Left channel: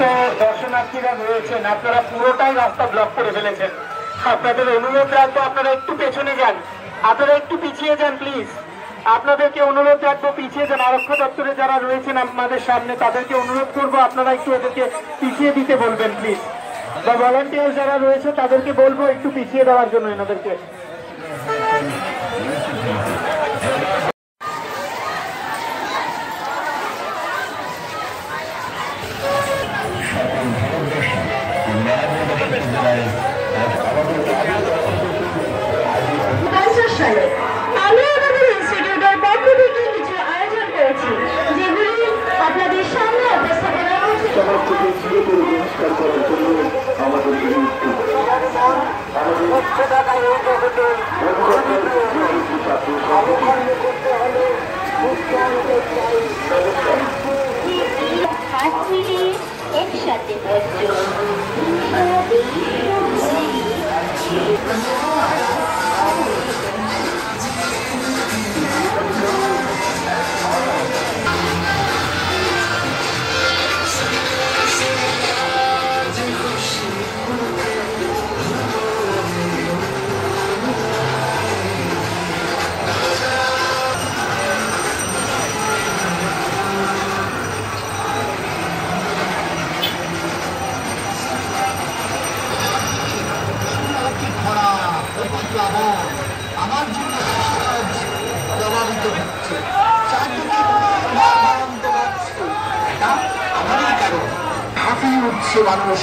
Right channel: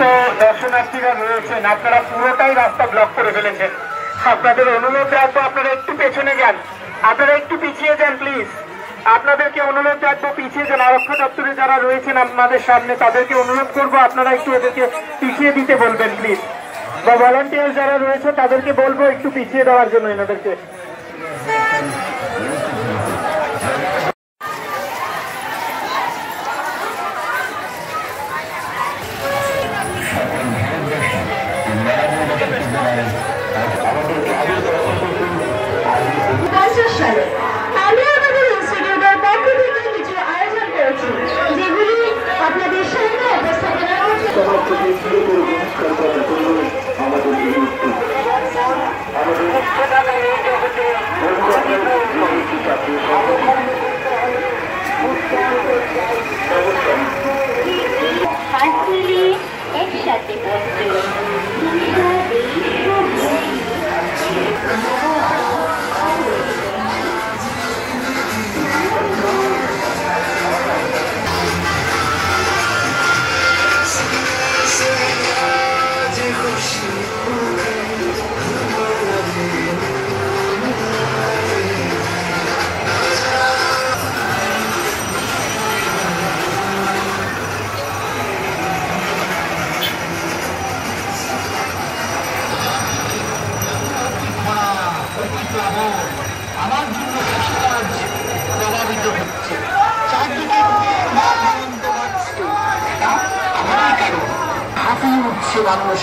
সমস্ত দর্শনার্থীরা রয়েছেন আপনারা পুরোটাই রাস্তা ব্লক করে ফেলেছেন। আপনাদের অনুরোধ রাখবো আপনারা একটু পেছনে যান, আপনারা একটু পিছিয়ে যান প্লিজ। আপনাদেরকে অনুরোধ রাখবো পিছিয়ে যান। আরক্ষা দপ্তরে যারা রয়েছেন আমাদের সামনে তাদেরকে অনুরোধ করবো আপনারা একটু এদেরকে পিছিয়ে দিতে বলবেন প্লিজ, বা ভলান্টিয়ার যারা রয়েছে তাদেরকে বলবো একটু পিছিয়ে দেওয়ার জন্য এনাদেরকে। সালে আমি আমাদের ইনস্টিটিউটের পক্ষ থেকে কিছু আয়োজন করেছি যেগুলি আপনাদের সামনে উপস্থাপনা করছি। সমাজ থেকে চিরতরে বহিষ্কার করার জন্য আমাদের এই উদ্যোগ হাত মিলিয়ে একসাথে আমার জন্য কৃষিকাজ প্রভাবিত হচ্ছে, চারদিকে আমারই কারণ হাঁপিয়ে উঠছে মানুষ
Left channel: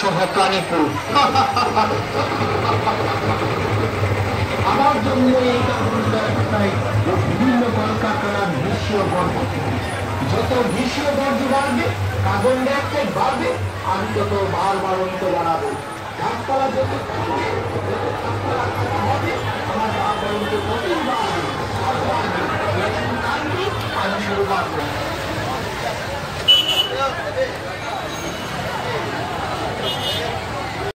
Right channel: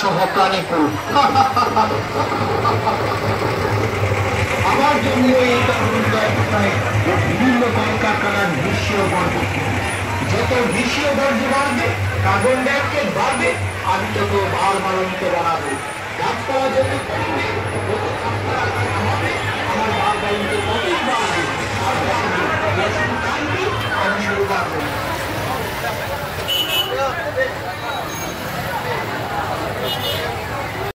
সহ প্রাণী কুল। আমার জন্য এই কারণ বিভিন্ন কলকারখানার দেশীয় বর্জ্য, যত দেশীয় বর্জ্য বাড়বে কার্বন ডাইঅক্সাইড বাড়বে, আমি তত ভার বাড়ন্ত বাড়াবো। গাছপালা যদি